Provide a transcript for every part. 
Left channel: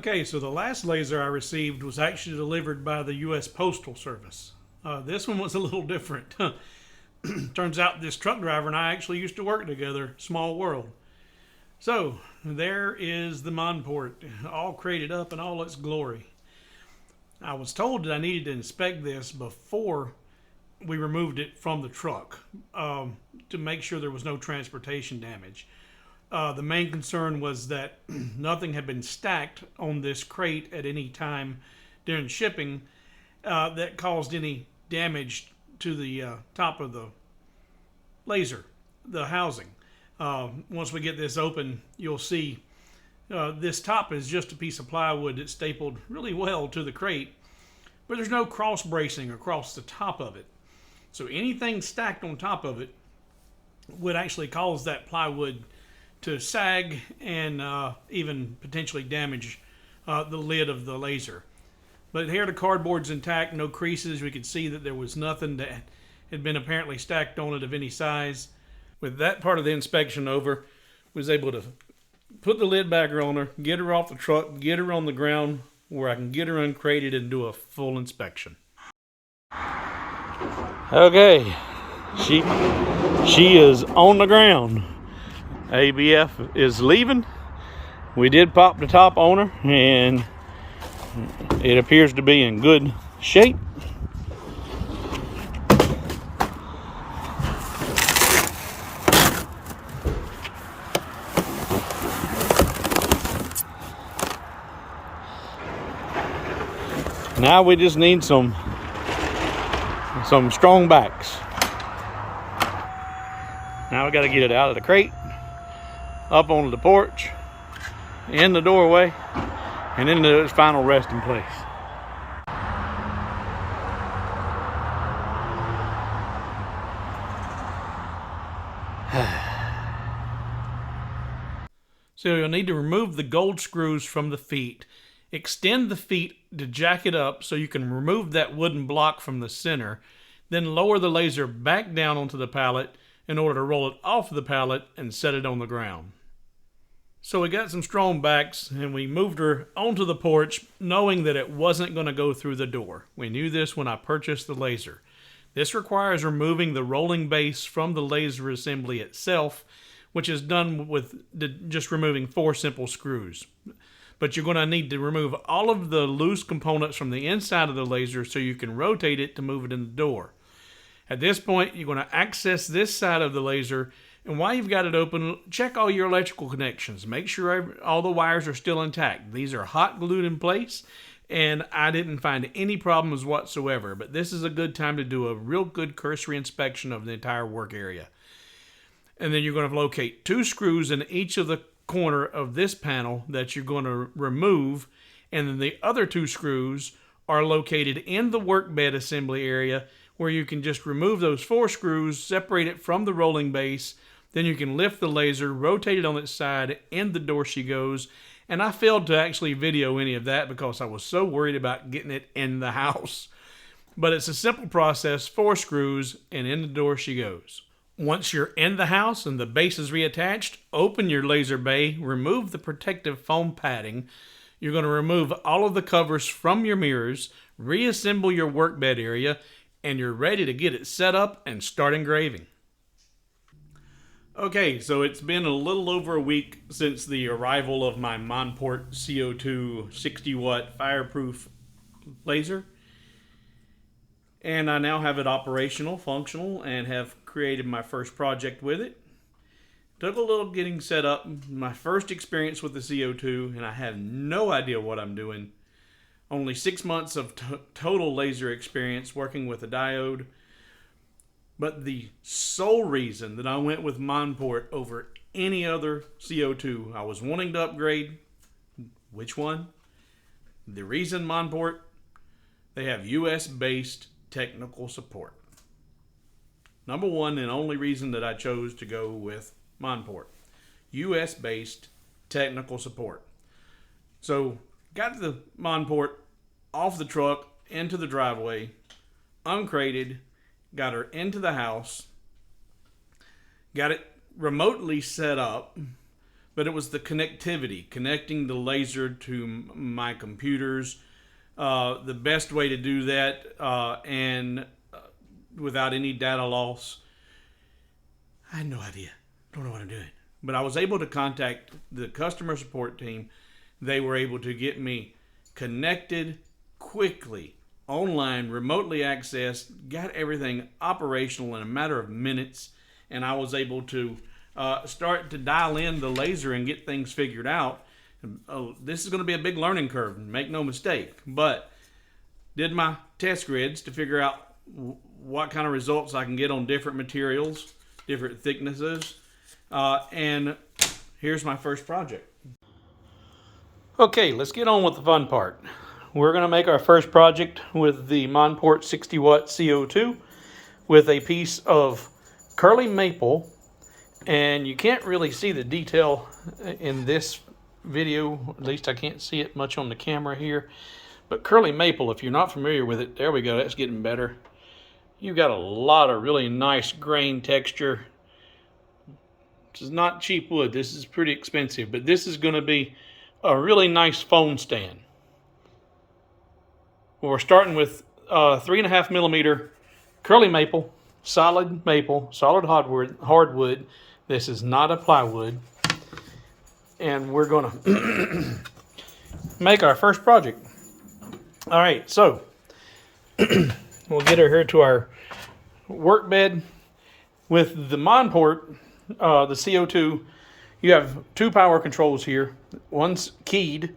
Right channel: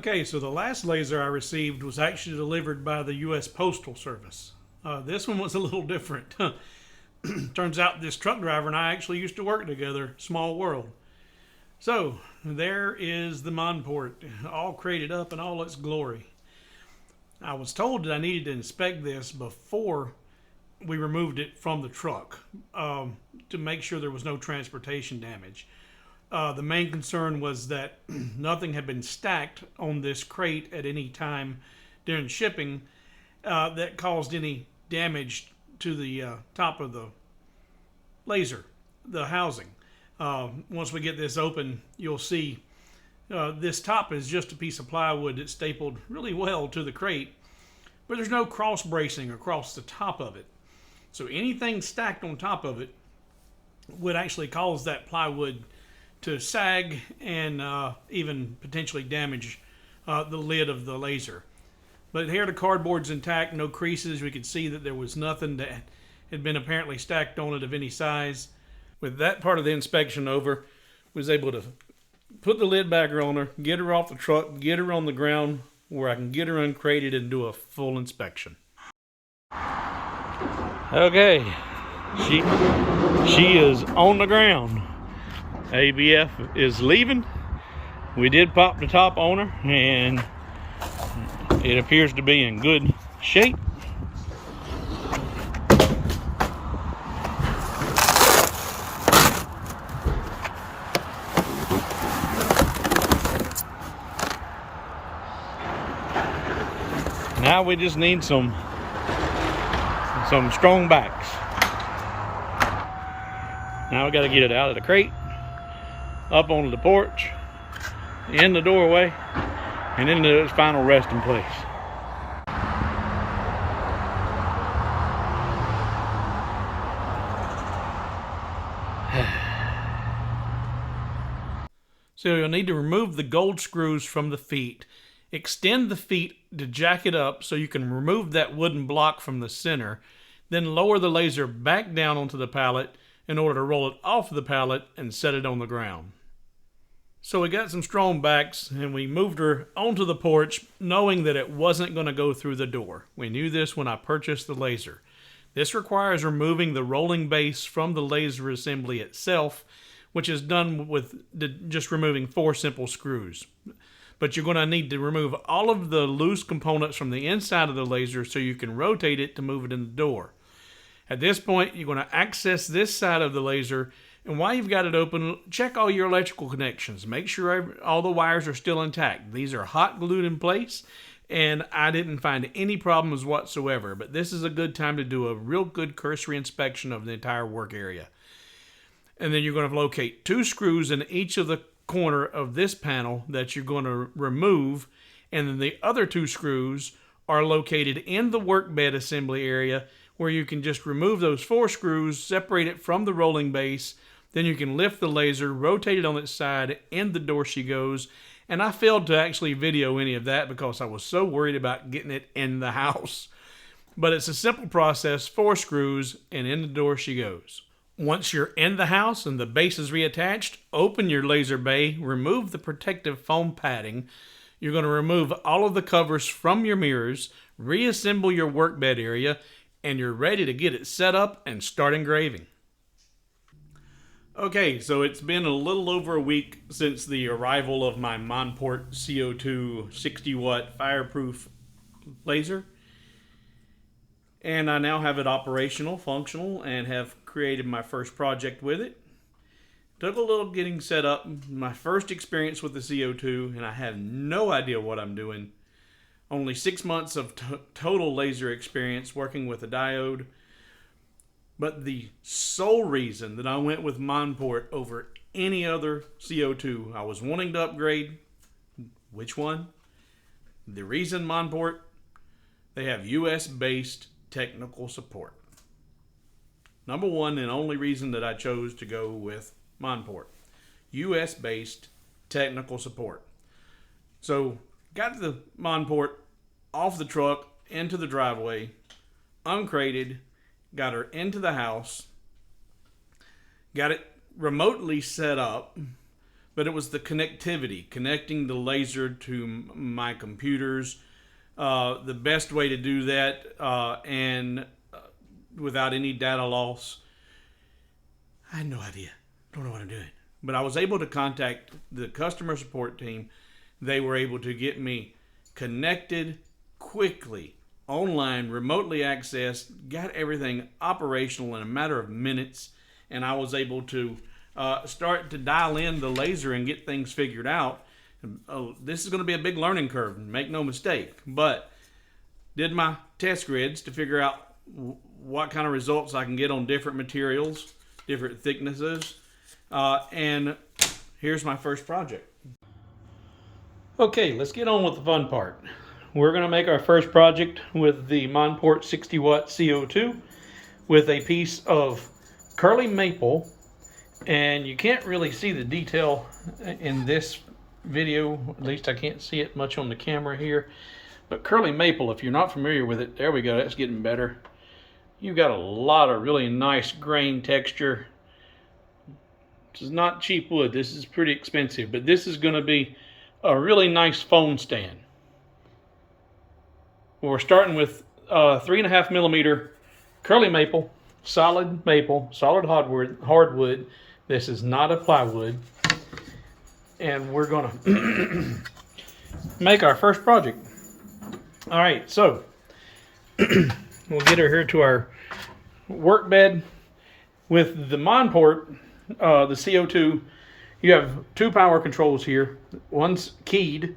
Okay, so the last laser I received was actually delivered by the US Postal Service. This one was a little different. Turns out this truck driver and I actually used to work together. Small world. So, there is the Monport, all crated up in all its glory. I was told that I needed to inspect this before we removed it from the truck to make sure there was no transportation damage. The main concern was that nothing had been stacked on this crate at any time during shipping that caused any damage to the top of the laser, the housing. Once we get this open, you'll see this top is just a piece of plywood that's stapled really well to the crate, but there's no cross bracing across the top of it. So anything stacked on top of it would actually cause that plywood to sag and even potentially damage the lid of the laser. But here the cardboard's intact, no creases. We could see that there was nothing that had been apparently stacked on it of any size. With that part of the inspection over, was able to put the lid back on her, get her off the truck, get her on the ground where I can get her uncrated and do a full inspection. Okay, she is on the ground. ABF is leaving. We did pop the top on her and it appears to be in good shape. Now we just need some strong backs. Now we got to get it out of the crate, up onto the porch, in the doorway, and into its final resting place. So you'll need to remove the gold screws from the feet. Extend the feet to jack it up so you can remove that wooden block from the center. Then lower the laser back down onto the pallet in order to roll it off the pallet and set it on the ground. So we got some strong backs and we moved her onto the porch knowing that it wasn't going to go through the door. We knew this when I purchased the laser. This requires removing the rolling base from the laser assembly itself, which is done with just removing 4 simple screws. But you're going to need to remove all of the loose components from the inside of the laser so you can rotate it to move it in the door. At this point, you're going to access this side of the laser, and while you've got it open, check all your electrical connections. Make sure all the wires are still intact. These are hot glued in place, and I didn't find any problems whatsoever. But this is a good time to do a real good cursory inspection of the entire work area. And then you're going to locate 2 screws in each of the corner of this panel that you're going to remove, and then the other 2 screws are located in the work bed assembly area where you can just remove those 4 screws, separate it from the rolling base, then you can lift the laser, rotate it on its side, and the door she goes. And I failed to actually video any of that because I was so worried about getting it in the house. But it's a simple process, 4 screws, and in the door she goes. Once you're in the house and the base is reattached, open your laser bay, remove the protective foam padding. You're going to remove all of the covers from your mirrors, reassemble your workbed area, and you're ready to get it set up and start engraving. Okay, so it's been a little over a week since the arrival of my Monport CO2 60 watt fireproof laser. And I now have it operational, functional, and have created my first project with it. Took a little getting set up, my first experience with the CO2, and I have no idea what I'm doing. Only 6 months of total laser experience working with a diode. But the sole reason that I went with Monport over any other CO2, I was wanting to upgrade. Which one? The reason Monport, they have US-based technical support. Number one and only reason that I chose to go with Monport. US-based technical support. So, got the Monport off the truck, into the driveway, uncrated, got her into the house, got it remotely set up, but it was the connectivity, connecting the laser to my computers. The best way to do that and without any data loss. I had no idea. Don't know what I'm doing. But I was able to contact the customer support team. They were able to get me connected quickly, online, remotely accessed, got everything operational in a matter of minutes, and I was able to start to dial in the laser and get things figured out. This is going to be a big learning curve, make no mistake, but did my test grids to figure out what kind of results I can get on different materials, different thicknesses, and here's my first project. Okay, let's get on with the fun part. We're going to make our first project with the Monport 60 watt CO2 with a piece of curly maple, and you can't really see the detail in this video, at least I can't see it much on the camera here, but curly maple, if you're not familiar with it, there we go, that's getting better. You've got a lot of really nice grain texture. This is not cheap wood, this is pretty expensive, but this is going to be a really nice phone stand. We're starting with 3.5 millimeter curly maple, solid hardwood. This is not a plywood. And we're going to make our first project. All right, so we'll get her here to our work bed. With the Monport, the CO2, you have two power controls here. One's keyed.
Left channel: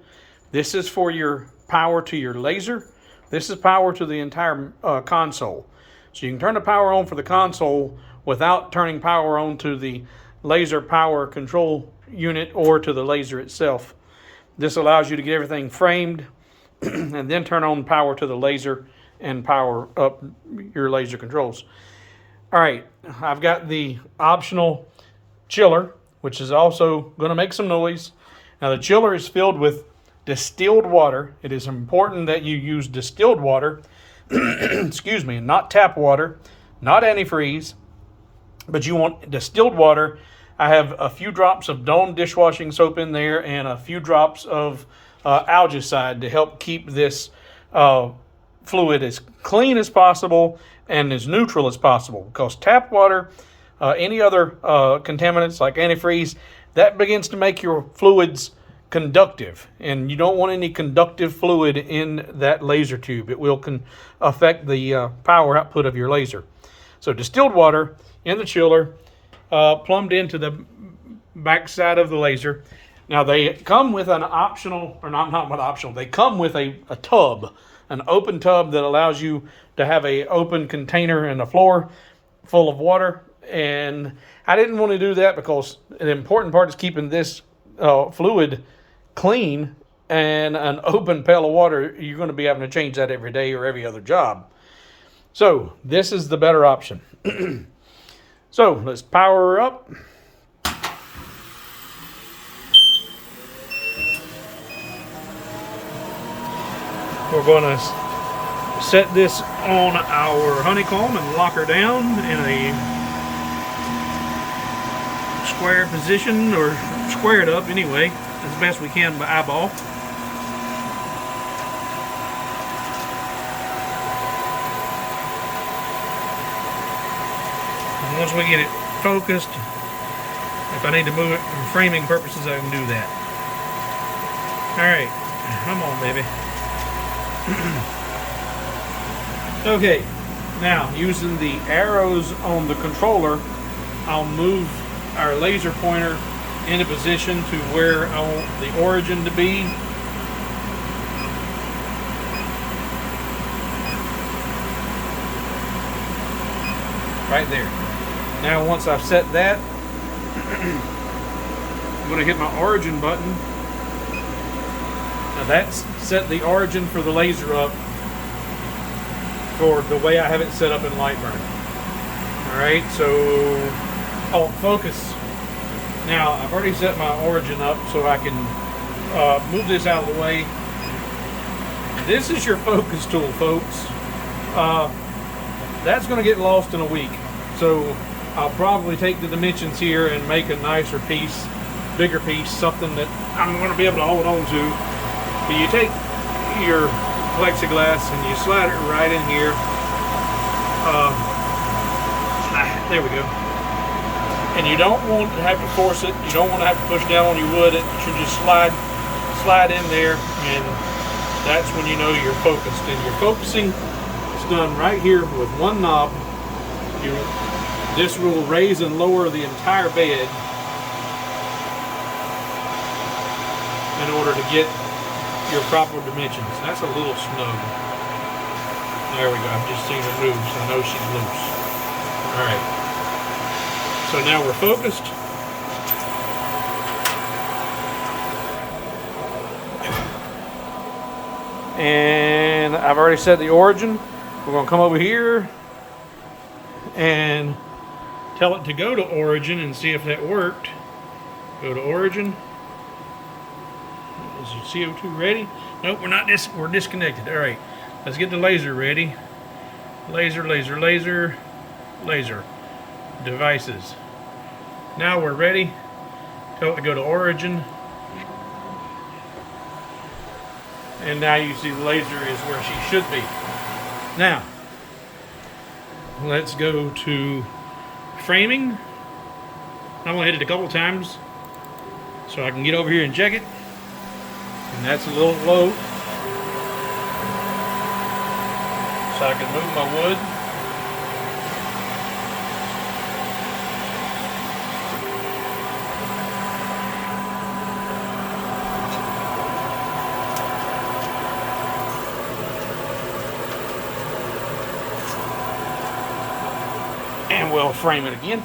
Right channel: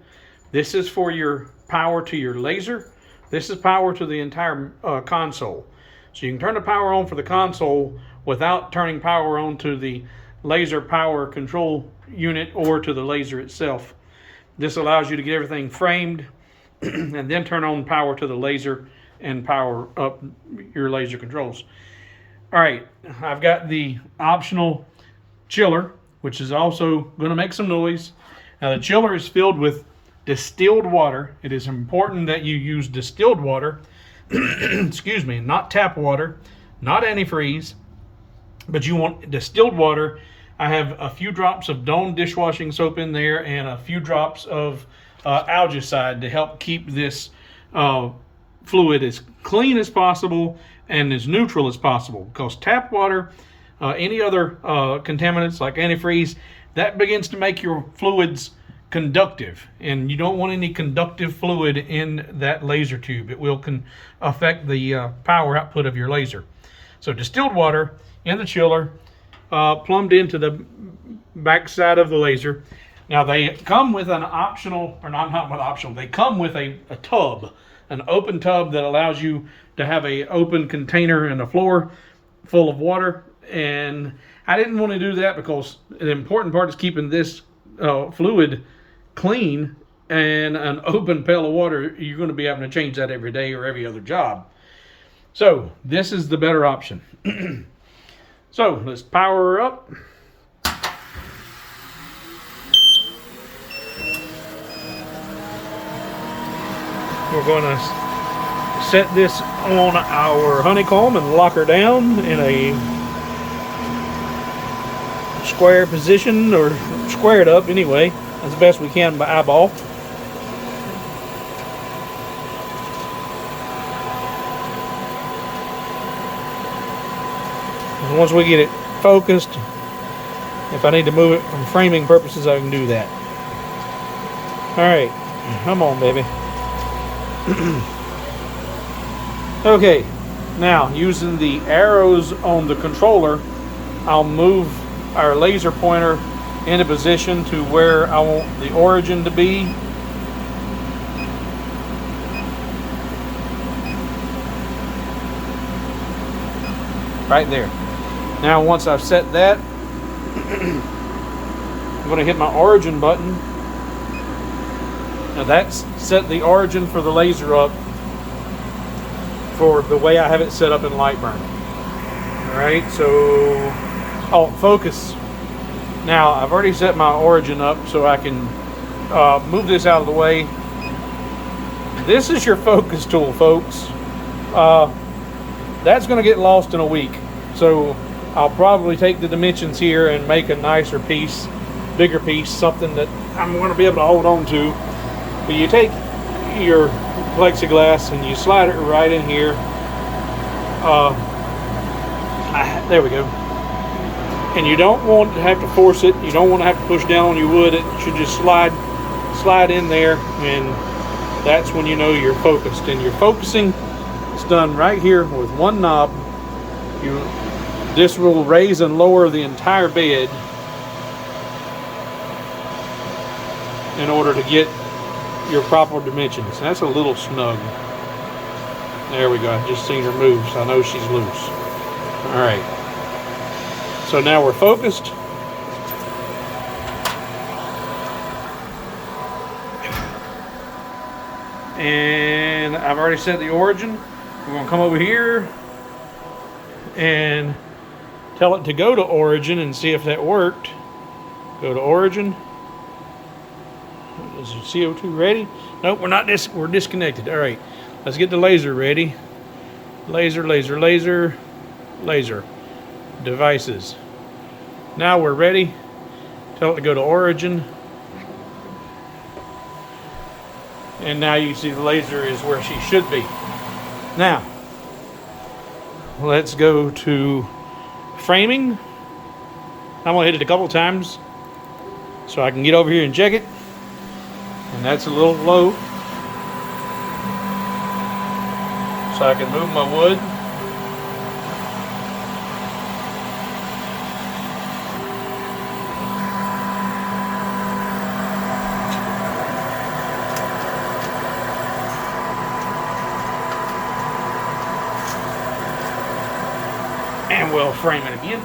This is for your power to your laser. This is power to the entire console. So you can turn the power on for the console without turning power on to the laser power control unit or to the laser itself. This allows you to get everything framed and then turn on power to the laser and power up your laser controls. All right, I've got the optional chiller, which is also going to make some noise. Now the chiller is filled with distilled water. It is important that you use distilled water, excuse me, not tap water, not antifreeze, but you want distilled water. I have a few drops of Dawn dishwashing soap in there and a few drops of algicide to help keep this fluid as clean as possible and as neutral as possible, because tap water, any other contaminants like antifreeze, that begins to make your fluids conductive, and you don't want any conductive fluid in that laser tube. It will affect the power output of your laser. So distilled water in the chiller, plumbed into the back side of the laser. Now they come with an optional, or not optional, they come with a tub, an open tub that allows you to have a open container and a floor full of water. And I didn't want to do that because an important part is keeping this fluid clean, and an open pail of water, you're going to be having to change that every day or every other job. So this is the better option. So let's power her up. We're going to set this on our honeycomb and lock her down in a square position, or squared up anyway, as best we can by eyeball. Once we get it focused, if I need to move it from framing purposes, I can do that. Alright, come on, baby. Okay, now using the arrows on the controller, I'll move our laser pointer into position to where I want the origin to be. Right there. Now once I've set that, I'm going to hit my origin button. Now that's set the origin for the laser up for the way I have it set up in Lightburn. Alright, so focus. Now I've already set my origin up so I can move this out of the way. This is your focus tool, folks. That's going to get lost in a week. So I'll probably take the dimensions here and make a nicer piece bigger piece, something that I'm going to be able to hold on to. But you take your plexiglass and you slide it right in here. There we go. And you don't want to have to force it. You don't want to have to push down on your wood. It should just slide in there, and that's when you know you're focused. And your focusing is done right here with one knob. This will raise and lower the entire bed in order to get your proper dimensions. That's a little snug. There we go. I just seen her move, so I know she's loose. All right. So now we're focused. And I've already set the origin. We're going to come over here and tell it to go to origin and see if that worked. Go to origin. Is your CO2 ready? Nope, we're not. We're disconnected. All right, let's get the laser ready. Laser, laser, laser, laser. Devices. Now we're ready. Tell it to go to origin. And now you see the laser is where she should be. Now, let's go to framing. I'm gonna hit it a couple times so I can get over here and check it. And that's a little low. So I can move my wood. And we'll frame it again.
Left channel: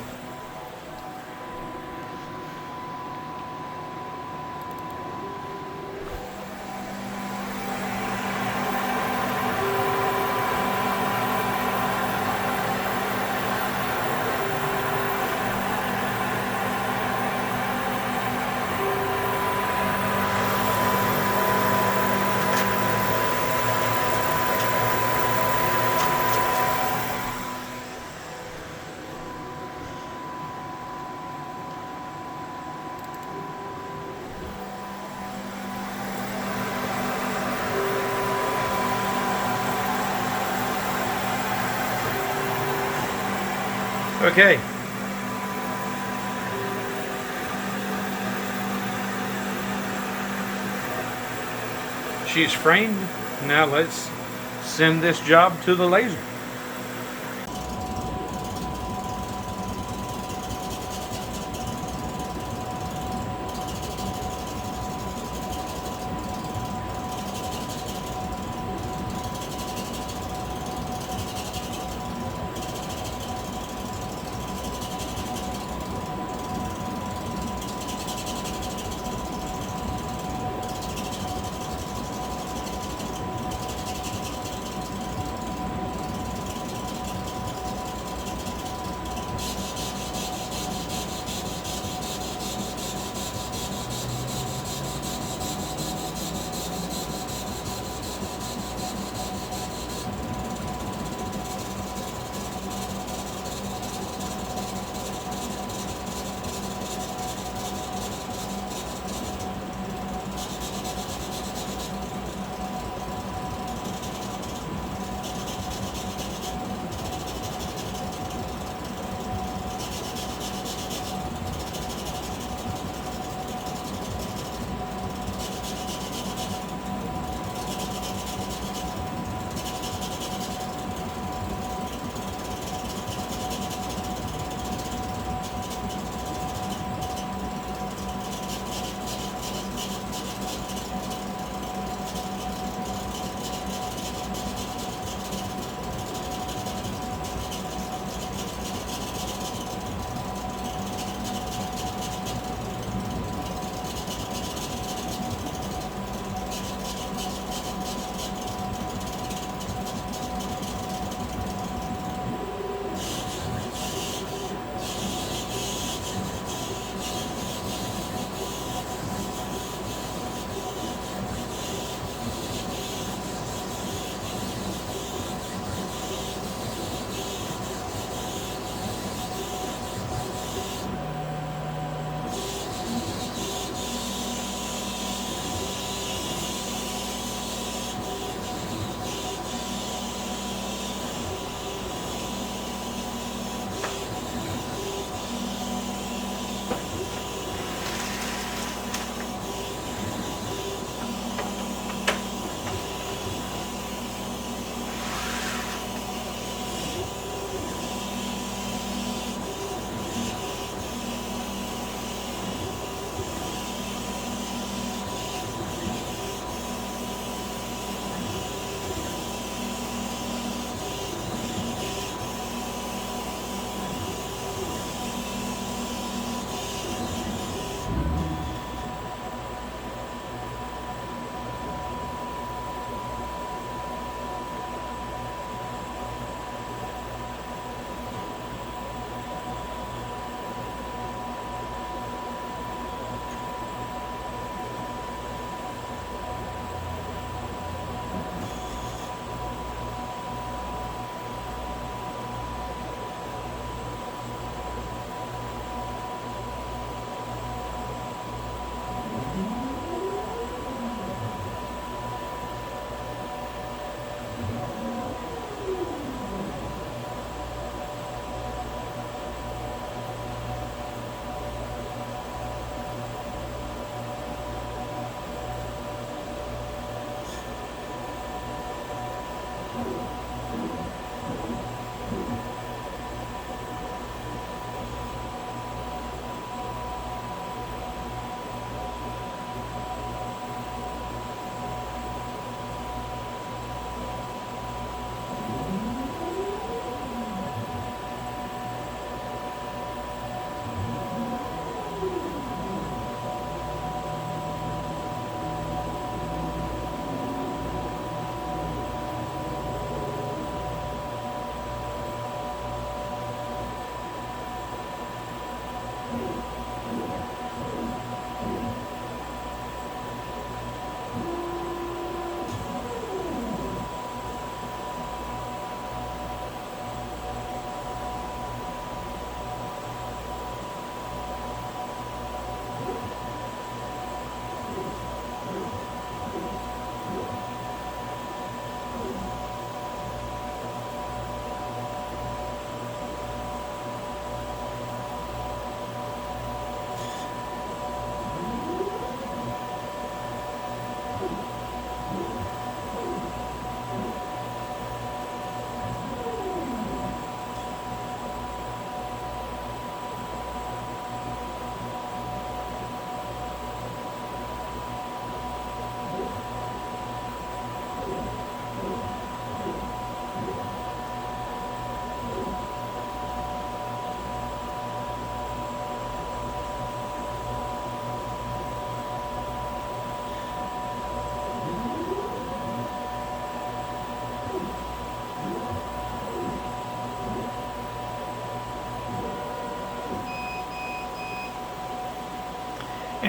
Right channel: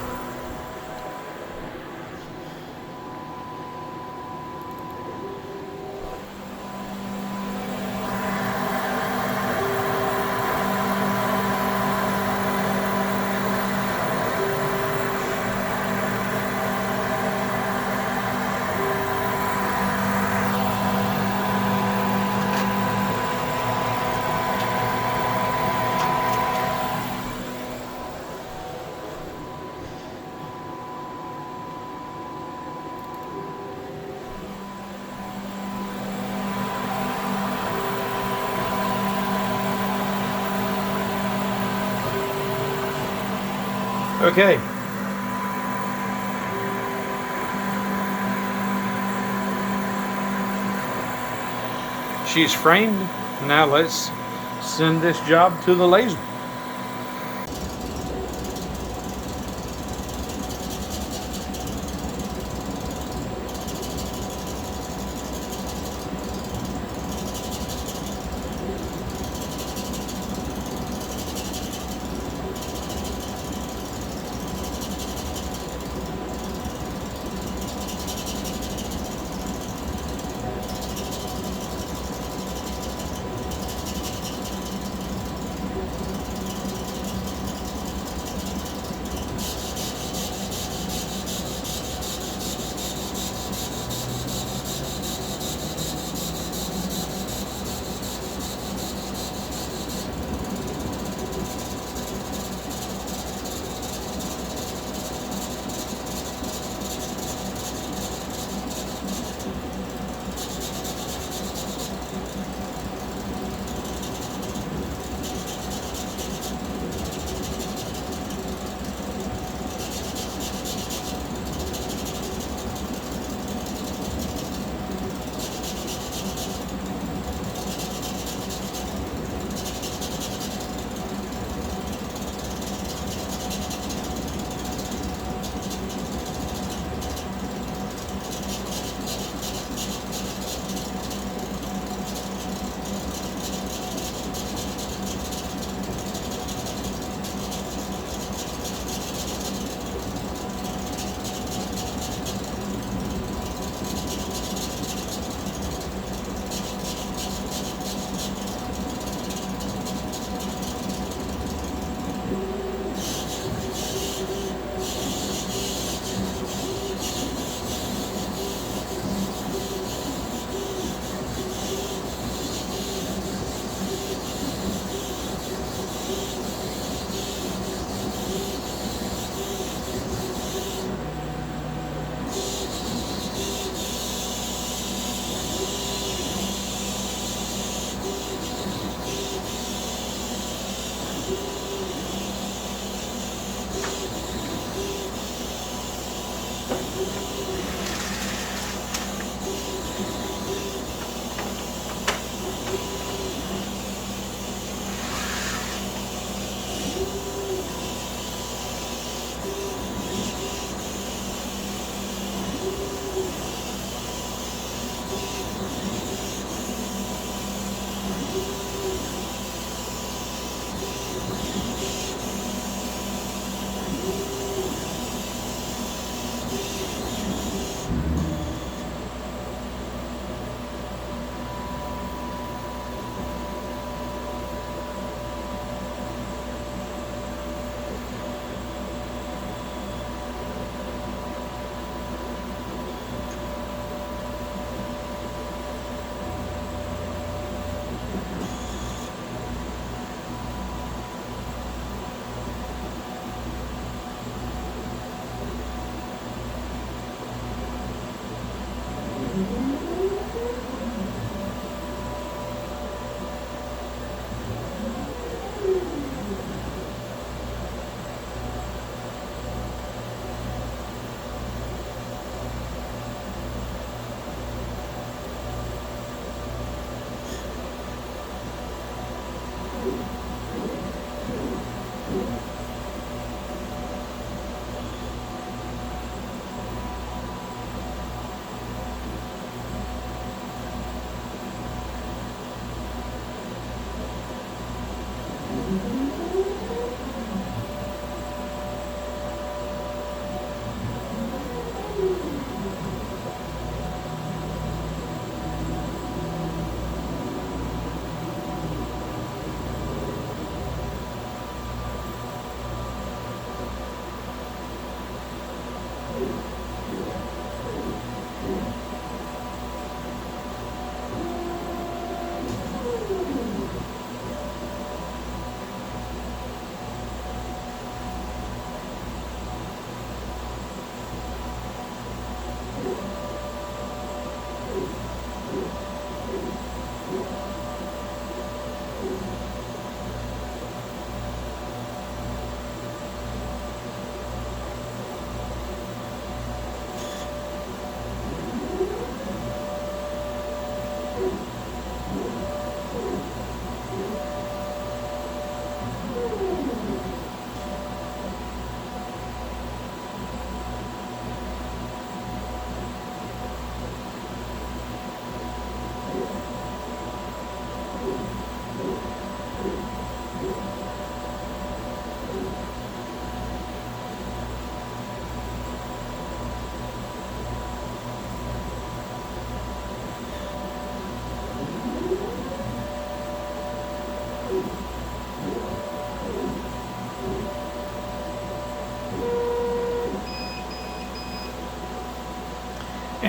Okay. She's framed. Now let's send this job to the laser.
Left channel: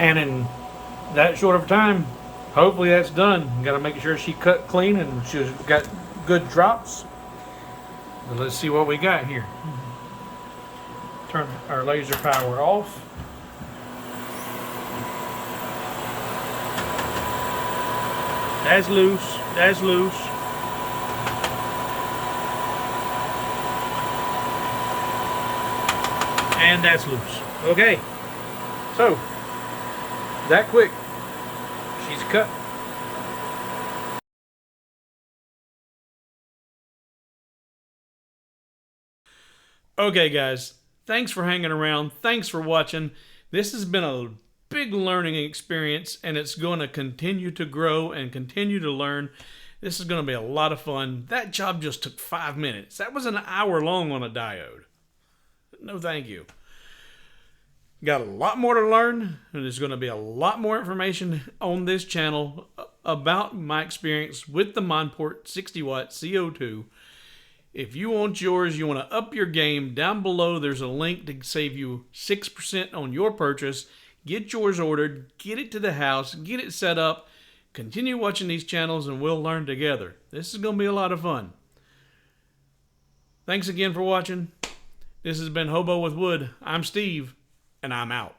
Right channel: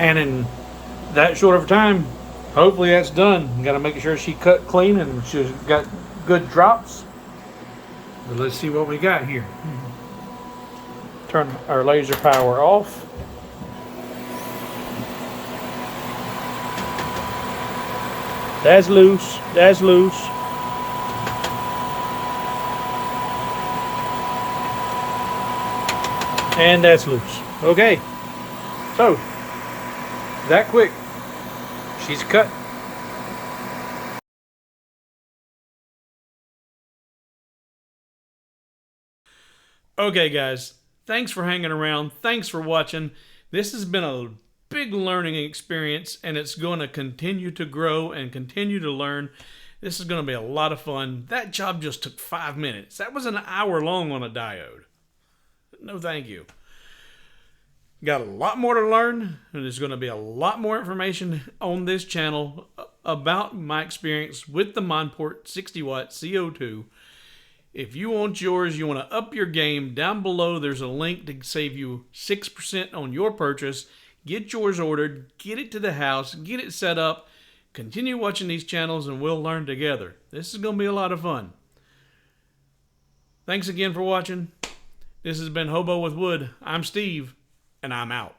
And in that short of time, hopefully that's done. Got to make sure she cut clean and she's got good drops. But let's see what we got here. Turn our laser power off. That's loose. That's loose. And that's loose. Okay. So, that quick. She's cut. Okay, guys. Thanks for hanging around. Thanks for watching. This has been a big learning experience, and it's going to continue to grow and continue to learn. This is going to be a lot of fun. That job just took 5 minutes. That was an hour long on a diode. No thank you. Got a lot more to learn, and there's going to be a lot more information on this channel about my experience with the Monport 60 watt CO2. If you want yours, you want to up your game, down below there's a link to save you 6% on your purchase. Get yours ordered, get it to the house, get it set up, continue watching these channels, and we'll learn together. This is going to be a lot of fun. Thanks again for watching. This has been Hobo with Wood. I'm Steve, and I'm out.